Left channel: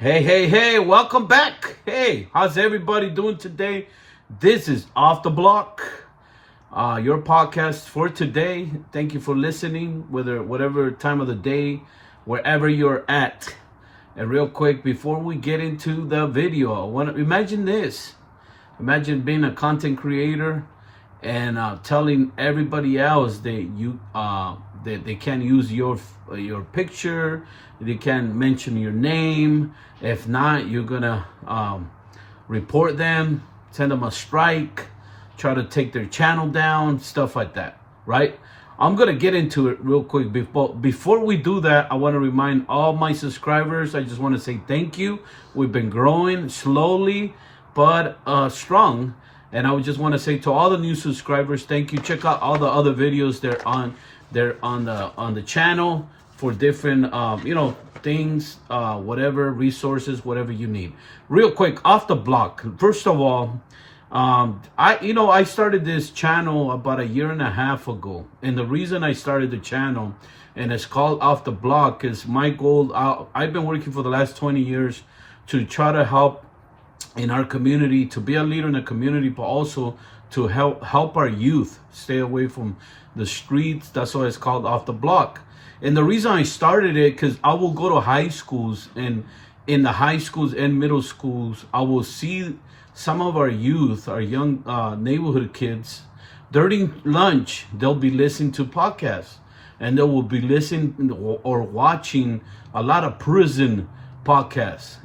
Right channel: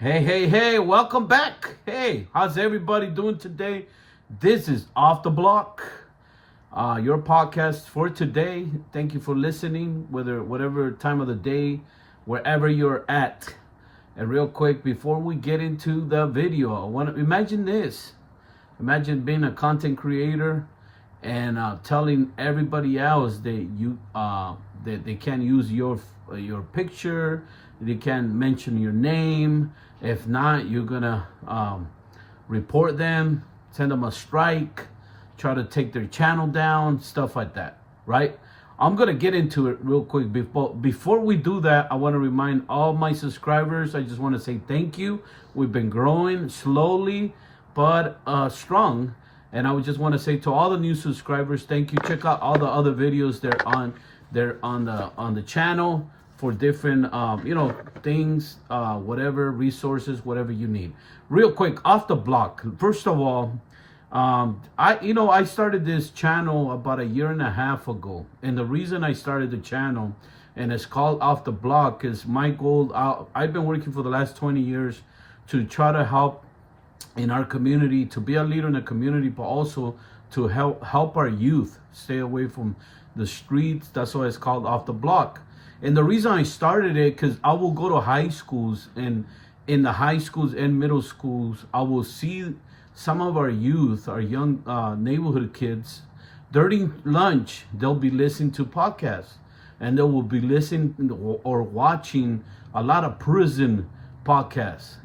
Hey, welcome back. Hey, how's everybody doing today? This is Off the Block, your podcast for today. Thank you for listening, whatever time of the day, wherever you're at. And real quick, before we get into the video, I want to imagine this. Imagine being a content creator and telling everybody else that they can't use your picture, they can't mention your name. If not, you're gonna report them, send them a strike, try to take their channel down, stuff like that, right? I'm gonna get into it real quick. Before we do that, I want to remind all my subscribers. I just want to say thank you. We've been growing slowly but strong, and I would just want to say to all the new subscribers, thank you. Check out all the other videos they're on the channel for different things, whatever resources, whatever you need. Real quick, Off the Block. First of all, I started this channel about a year and a half ago, and the reason I started the channel and it's called Off the Block is my goal. I've been working for the last 20 years to try to help in our community, to be a leader in the community, but also to help our youth stay away from the streets. That's why it's called Off the Block. And the reason I started it, because I will go to high schools, and in the high schools and middle schools, I will see some of our youth, our young neighborhood kids, during lunch, they'll be listening to podcasts, and they will be listening or watching a lot of prison podcasts,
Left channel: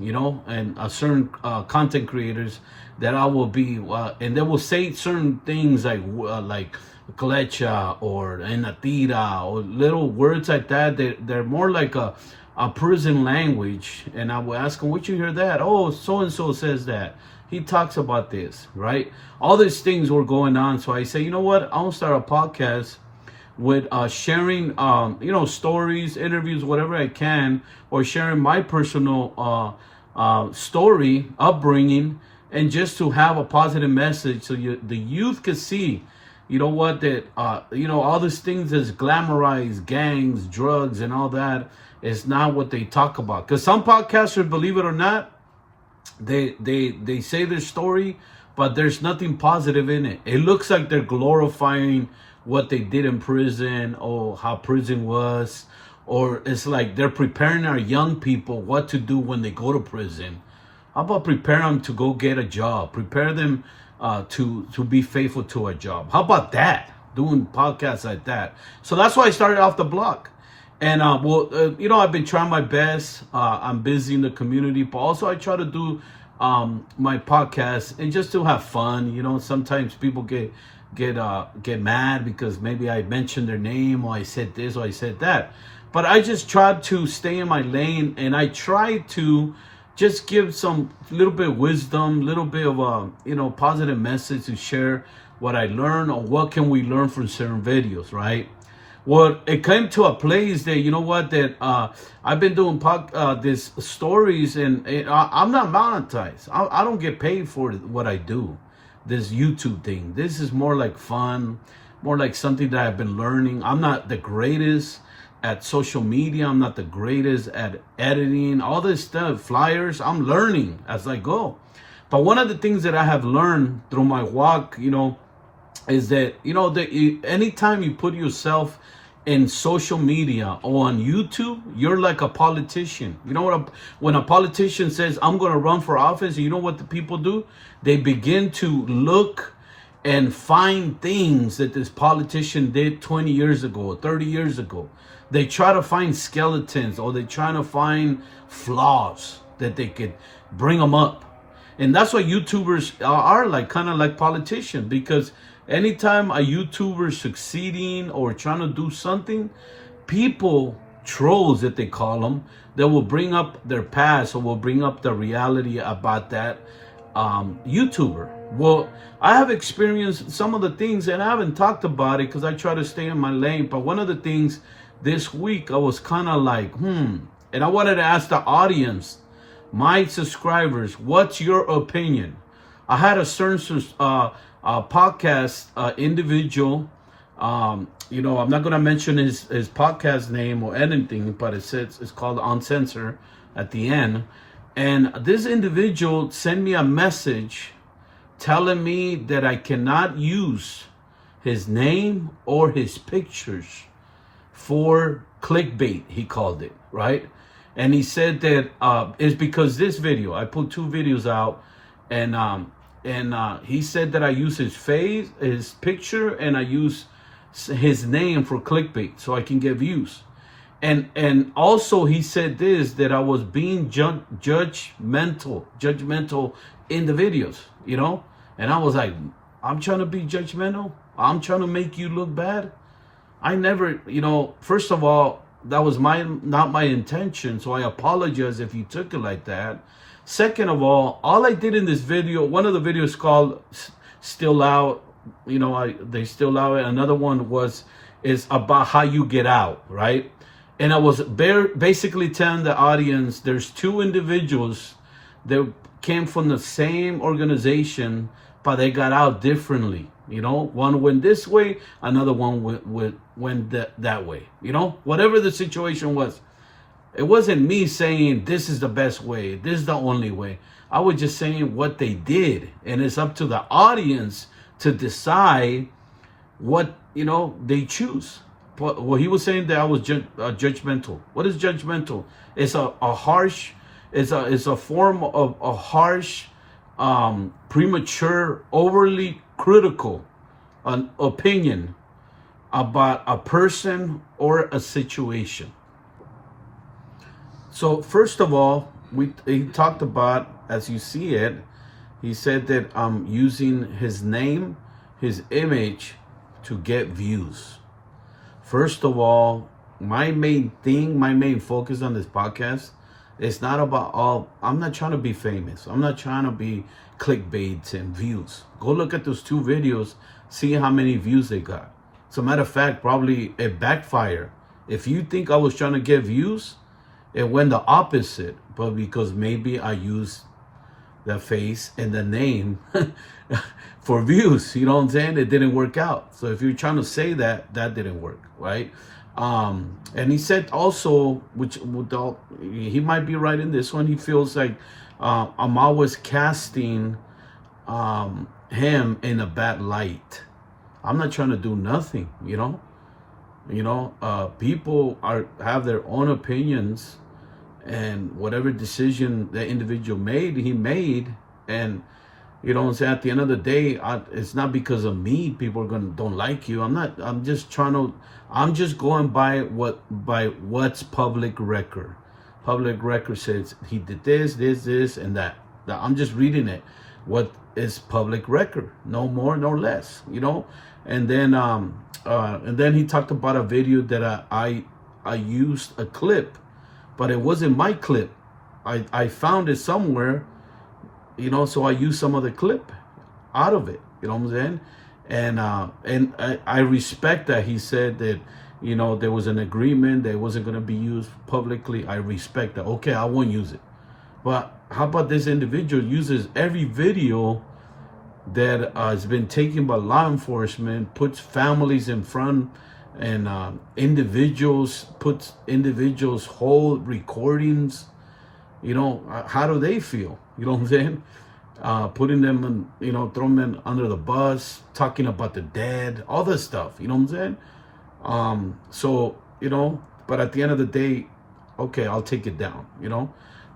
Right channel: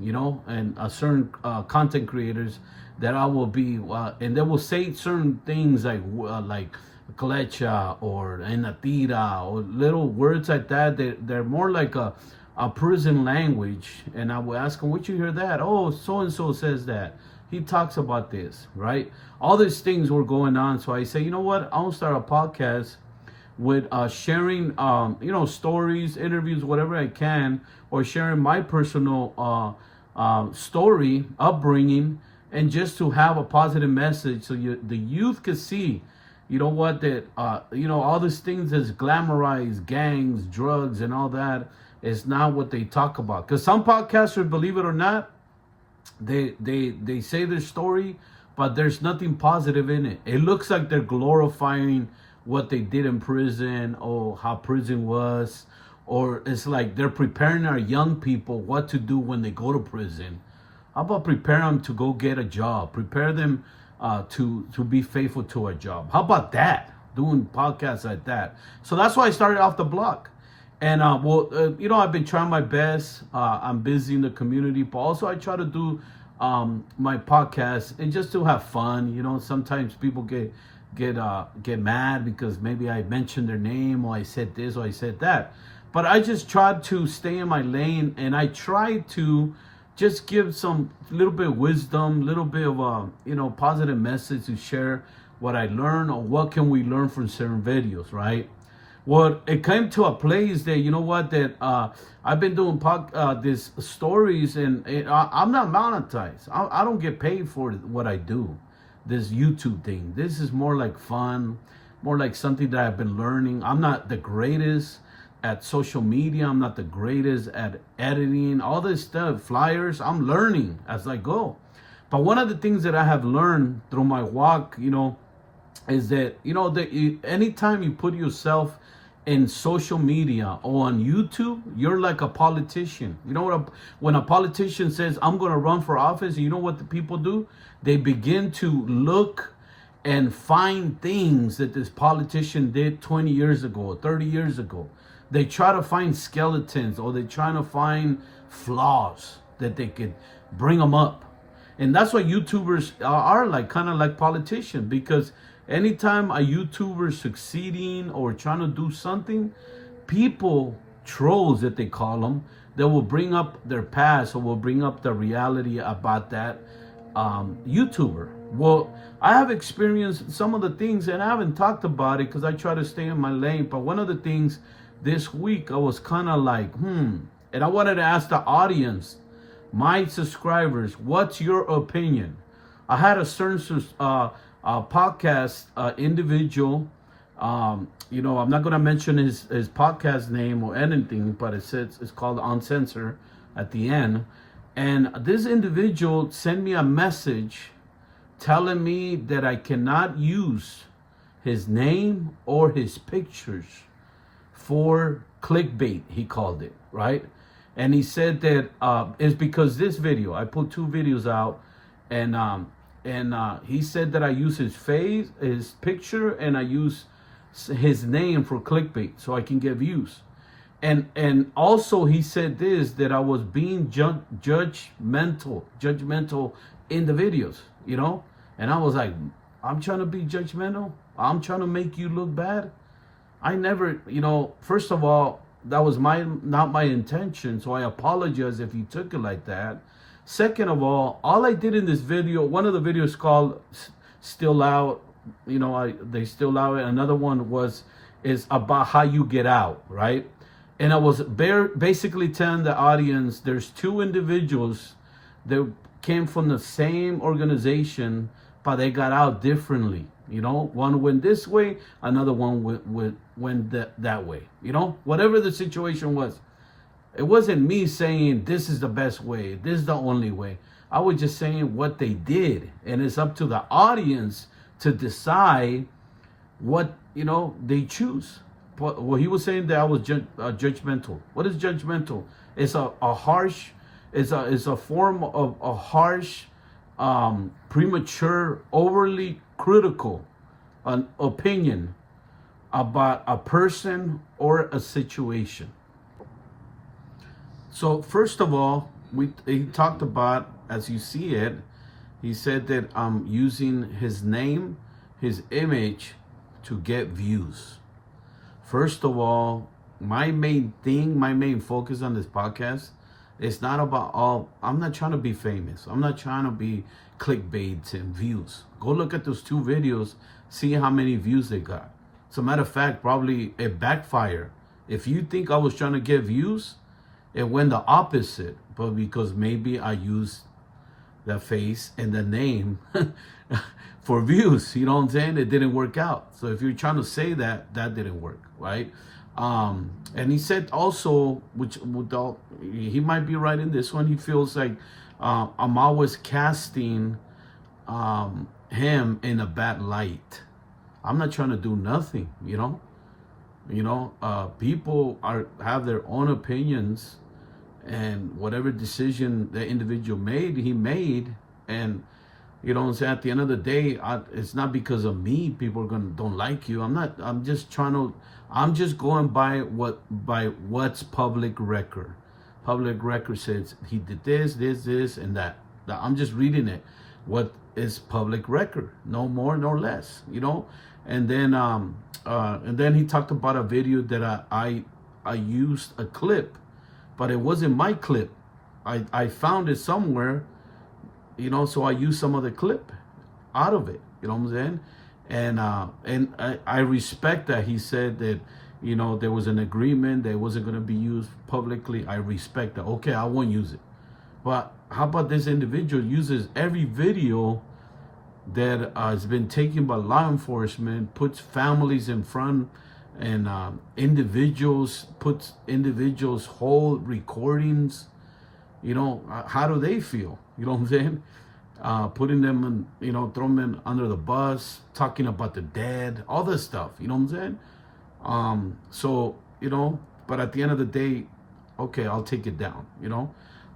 and certain content creators that I will be, and they will say certain things like Clecha or Enatira or little words like that. They're more like a prison language. And I will ask them, "What you hear that? Oh, so and so says that. He talks about this, right?" All these things were going on. So I say, you know what? I want to start a podcast with sharing, stories, interviews, whatever I can, or sharing my personal story, upbringing, and just to have a positive message so the youth could see, that all these things is glamorized, gangs, drugs, and all that is not what they talk about. Because some podcasters, believe it or not, they say their story, but there's nothing positive in it. It looks like they're glorifying what they did in prison, or how prison was, or it's like they're preparing our young people what to do when they go to prison. How about prepare them to go get a job? Prepare them to be faithful to a job. How about that? Doing podcasts like that. So that's why I started Off the Block. And I've been trying my best. I'm busy in the community, but also I try to do my podcast and just to have fun. Sometimes people get mad because maybe I mentioned their name, or I said this or I said that. But I just tried to stay in my lane, and I try to just give some little bit of wisdom, little bit of a positive message to share what I learned, or what can we learn from certain videos, right? Well, it came to a place that I've been doing these stories, and I'm not monetized. I don't get paid for what I do, this YouTube thing. This is more like fun, more like something that I've been learning. I'm not the greatest at social media. I'm not the greatest at editing, all this stuff, flyers. I'm learning as I go. But one of the things that I have learned through my walk, is that, anytime you put yourself in social media or on YouTube, you're like a politician. When a politician says, "I'm going to run for office," you know what the people do? They begin to look and find things that this politician did 20 years ago, 30 years ago. They try to find skeletons, or they try to find flaws that they could bring them up. And that's what YouTubers are like, kind of like politicians, because anytime a YouTuber is succeeding or trying to do something, people, trolls that they call them, they will bring up their past, or will bring up the reality about that YouTuber. Well, I have experienced some of the things, and I haven't talked about it because I try to stay in my lane. But one of the things this week, I was kind of like, and I wanted to ask the audience, my subscribers, what's your opinion? I had a certain podcast individual. I'm not gonna mention his podcast name or anything, but it's called Uncensored at the end. And this individual sent me a message telling me that I cannot use his name or his pictures for clickbait, he called it, right? And he said that it's because this video, I put 2 videos out, and he said that I use his face, his picture, and I use his name for clickbait so I can get views. And also he said this, that I was being judgmental in the videos, you know? And I was like, I'm trying to be judgmental? I'm trying to make you look bad? I never, first of all, that was not my intention, so I apologize if you took it like that. Second of all I did in this video, one of the videos called Still Out, they still out. Another one is about how you get out, right? And I was basically telling the audience there's 2 individuals that came from the same organization, but they got out differently. One went this way, another one went that way. Whatever the situation was, it wasn't me saying this is the best way, this is the only way. I was just saying what they did, and it's up to the audience to decide what they choose. Well, he was saying that I was judgmental. What is judgmental? It's a harsh, it's a form of a harsh, premature, overly critical an opinion about a person or a situation. So first of all, he talked about, as you see it, he said that I'm using his name, his image to get views. First of all, my main focus on this podcast is not about I'm not trying to be famous. I'm not trying to be clickbaits and views. Go look at those 2 videos, see how many views they got. As a matter of fact, probably it backfired. If you think I was trying to get views, it went the opposite. But because maybe I used the face and the name for views, you know what I'm saying? It didn't work out. So if you're trying to say that didn't work, right? And he said also, he might be right in this one, he feels like I'm always casting him in a bad light. I'm not trying to do nothing, people have their own opinions, and whatever decision the individual made, he made. And at the end of the day, it's not because of me people don't like you. I'm just going by what's public record. Public record says he did this and that. I'm just reading it. What is public record? No more, no less, And then he talked about a video that I used a clip, but it wasn't my clip. I found it somewhere, so I used some of the clip out of it, what I'm saying? And I respect that he said that, there was an agreement that it wasn't going to be used publicly. I respect that. Okay, I won't use it. But how about this individual uses every video that has been taken by law enforcement, puts families in front, and puts individuals whole recordings. How do they feel? You know what I'm saying? Putting them in, throwing them under the bus, talking about the dead, all this stuff. You know what I'm saying? So, but at the end of the day, okay, I'll take it down,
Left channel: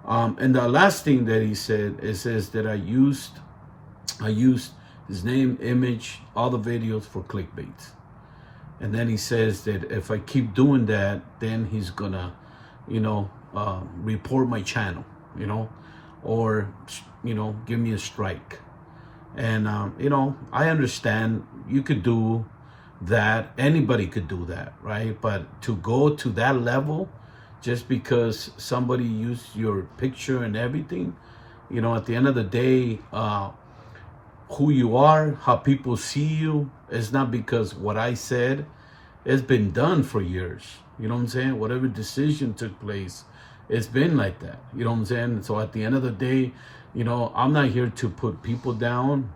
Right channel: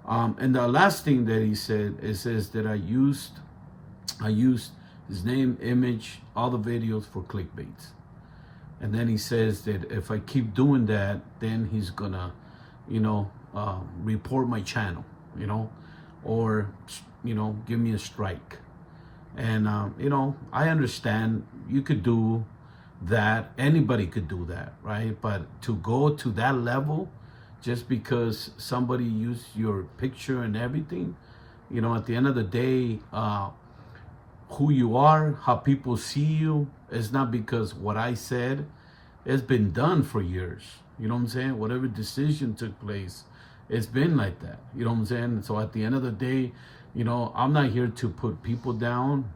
And the last thing that he said, it says that I used his name, image, all the videos for clickbaits. And then he says that if I keep doing that, then he's gonna, report my channel, or, give me a strike. And, I understand you could do that. Anybody could do that, right? But to go to that level, just because somebody used your picture and everything, at the end of the day, who you are, how people see you, it's not because what I said. It's been done for years. You know what I'm saying? Whatever decision took place, it's been like that. You know what I'm saying? So at the end of the day, I'm not here to put people down.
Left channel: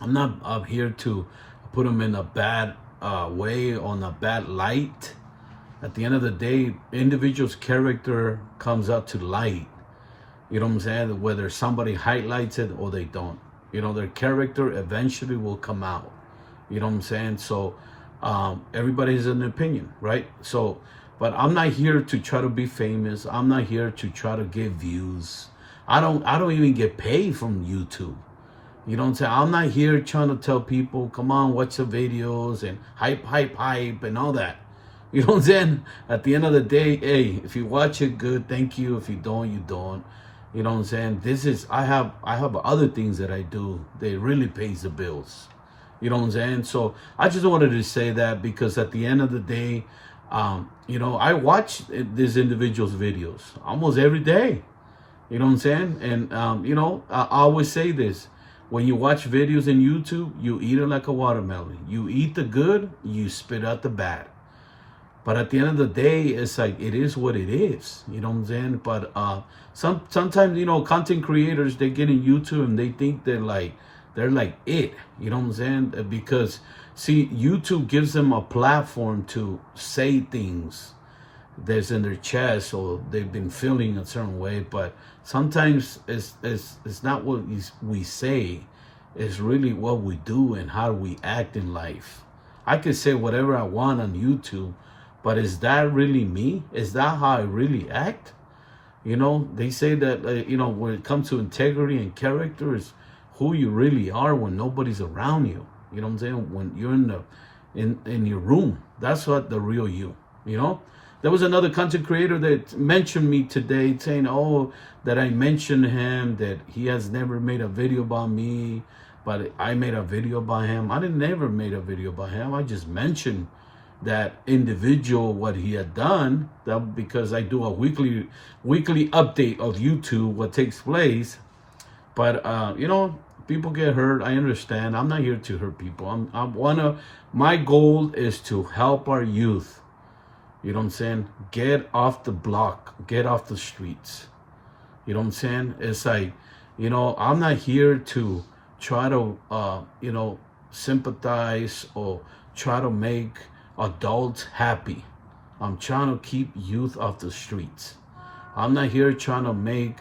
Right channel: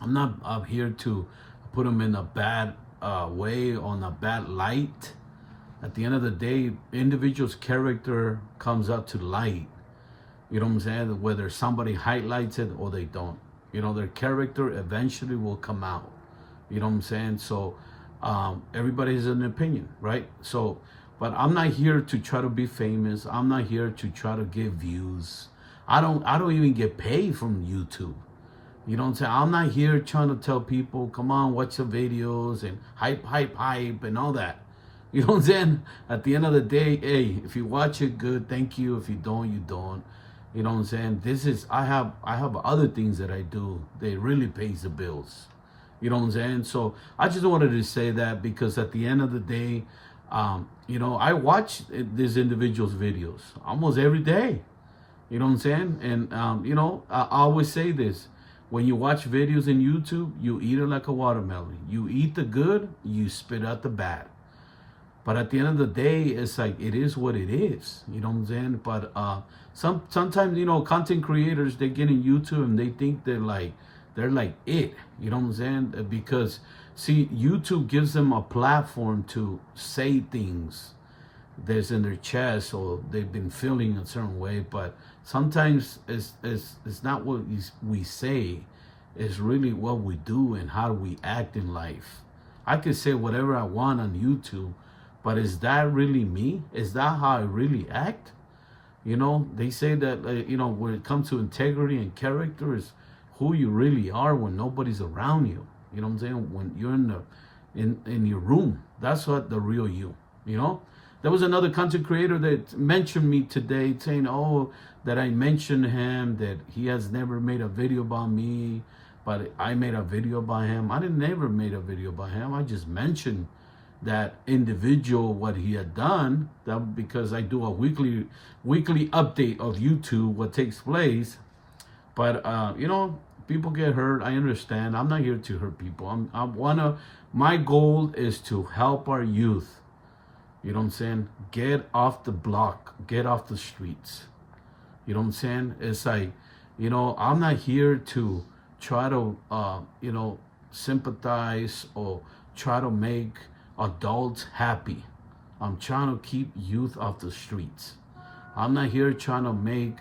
I'm not up here to put them in a bad way, on a bad light. At the end of the day, individual's character comes out to light. You know what I'm saying? Whether somebody highlights it or they don't. You know, their character eventually will come out. You know what I'm saying? So everybody has an opinion, right? So, but I'm not here to try to be famous. I'm not here to try to get views. I don't even get paid from YouTube. You know what I'm saying? I'm not here trying to tell people, come on, watch the videos and hype and all that. You know what I'm saying? At the end of the day, hey, if you watch it, good, thank you. If you don't, you don't. You know what I'm saying? I have other things that I do. They really pays the bills. You know what I'm saying? So I just wanted to say that because at the end of the day, I watch these individuals' videos almost every day. You know what I'm saying? And I always say this: when you watch videos in YouTube, you eat it like a watermelon. You eat the good, you spit out the bad. But at the end of the day, it's like it is what it is. You know what I'm saying? But sometimes content creators, they get in YouTube and they think they're like it. You know what I'm saying? Because see, YouTube gives them a platform to say things that's in their chest or they've been feeling a certain way. But sometimes it's not what we say. It's really what we do and how we act in life. I can say whatever I want on YouTube, but is that really me? Is that how I really act? They say that when it comes to integrity and character is who you really are when nobody's around you. You know what I'm saying? When you're in your room, that's what the real you. There was another content creator that mentioned me today, saying, "Oh, that I mentioned him, that he has never made a video about me, but I made a video about him." I didn't never made a video about him. I just mentioned that individual what he had done, that because I do a weekly update of YouTube what takes place. But people get hurt. I understand. I'm not here to hurt people. My goal is to help our youth. You know what I'm saying? Get off the block, get off the streets. You know what I'm saying? It's like, I'm not here to try to sympathize or try to make adults happy. I'm trying to keep youth off the streets. I'm not here trying to make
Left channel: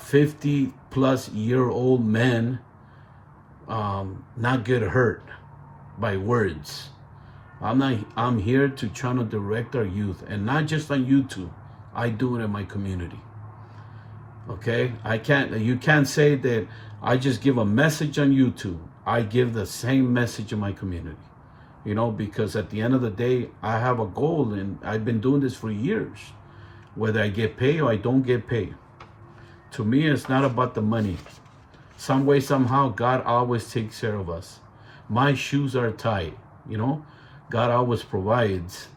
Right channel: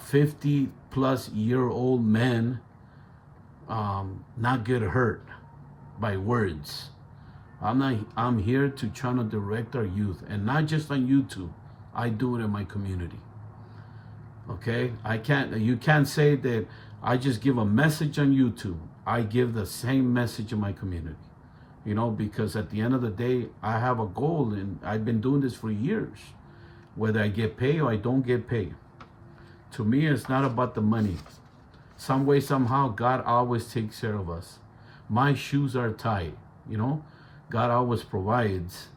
50 plus year old men not get hurt by words. I'm here to try to direct our youth, and not just on YouTube. I do it in my community. Okay? You can't say that I just give a message on YouTube. I give the same message in my community. Because at the end of the day, I have a goal, and I've been doing this for years. Whether I get paid or I don't get paid. To me, it's not about the money. Some way, somehow, God always takes care of us. My shoes are tied, God always provides.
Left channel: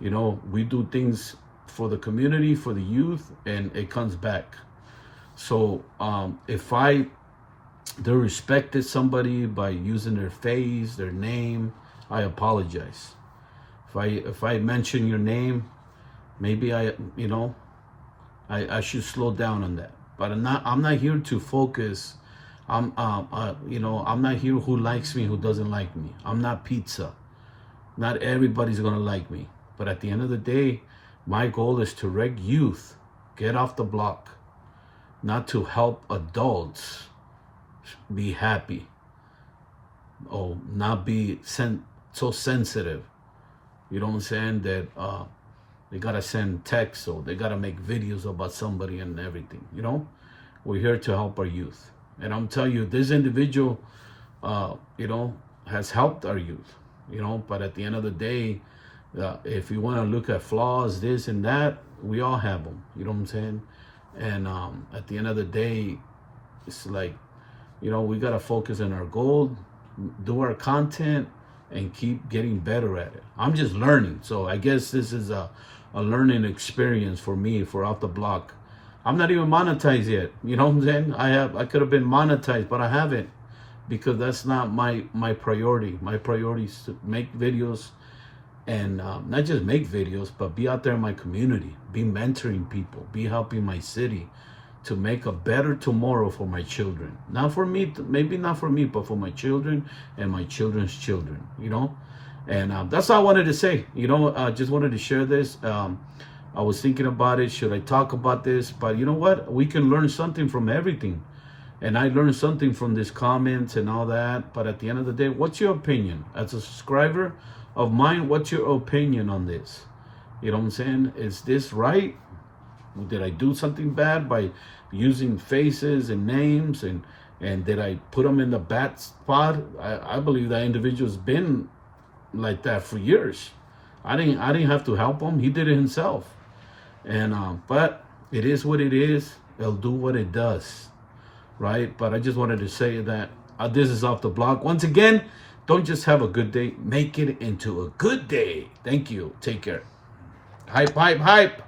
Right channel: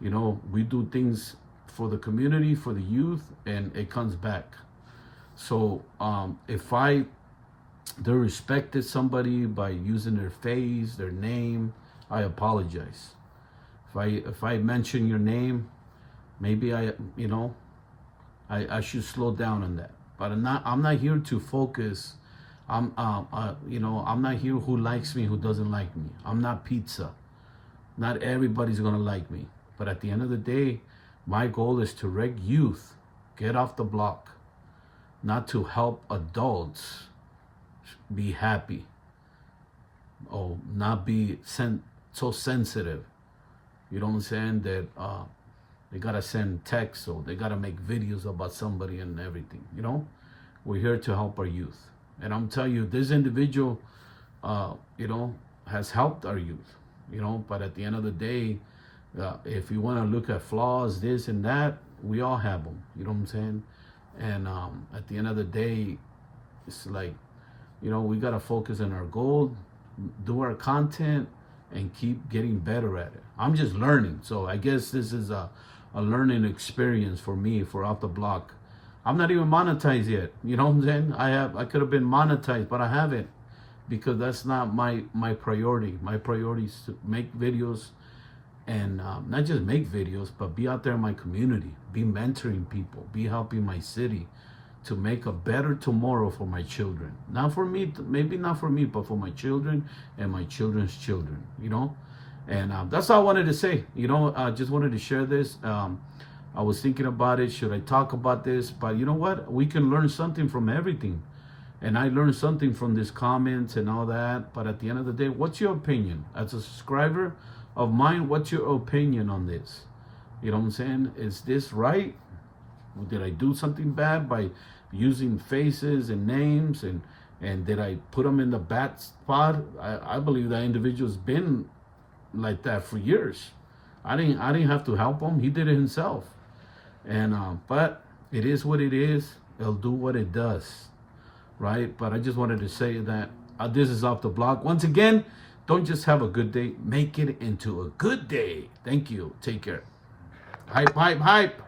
We do things for the community, for the youth, and it comes back. So if I disrespected somebody by using their face, their name, I apologize. If I mention your name, maybe I should slow down on that. But I'm not here to focus. I'm not here who likes me, who doesn't like me. I'm not pizza. Not everybody's gonna like me. But at the end of the day, my goal is to direct youth, get off the block, not to help adults be happy or not be so sensitive. You know what I'm saying? That they gotta send texts or they gotta make videos about somebody and everything. We're here to help our youth. And I'm telling you, this individual, has helped our youth. But at the end of the day, if you want to look at flaws, this and that, we all have them. You know what I'm saying? And at the end of the day, it's like, we got to focus on our goal, do our content, and keep getting better at it. I'm just learning. So I guess this is a learning experience for me for Off the Block. I'm not even monetized yet. You know what I'm saying? I could have been monetized, but I haven't, because that's not my priority. My priority is to make videos, and not just make videos, but be out there in my community, be mentoring people, be helping my city to make a better tomorrow for my children. Not for me, maybe not for me, but for my children and my children's children. And that's all I wanted to say. I just wanted to share this. I was thinking about it. Should I talk about this? But you know what? We can learn something from everything. And I learned something from these comments and all that. But at the end of the day, what's your opinion? As a subscriber of mine, what's your opinion on this? You know what I'm saying? Is this right? Did I do something bad by using faces and names? And did I put them in the bad spot? I believe that individual's been like that for years. I didn't have to help him. He did it himself. And but it is what it is. It'll do what it does. Right? But I just wanted to say that this is Off the Block. Once again, don't just have a good day. Make it into a good day. Thank you. Take care. Hype, hype, hype.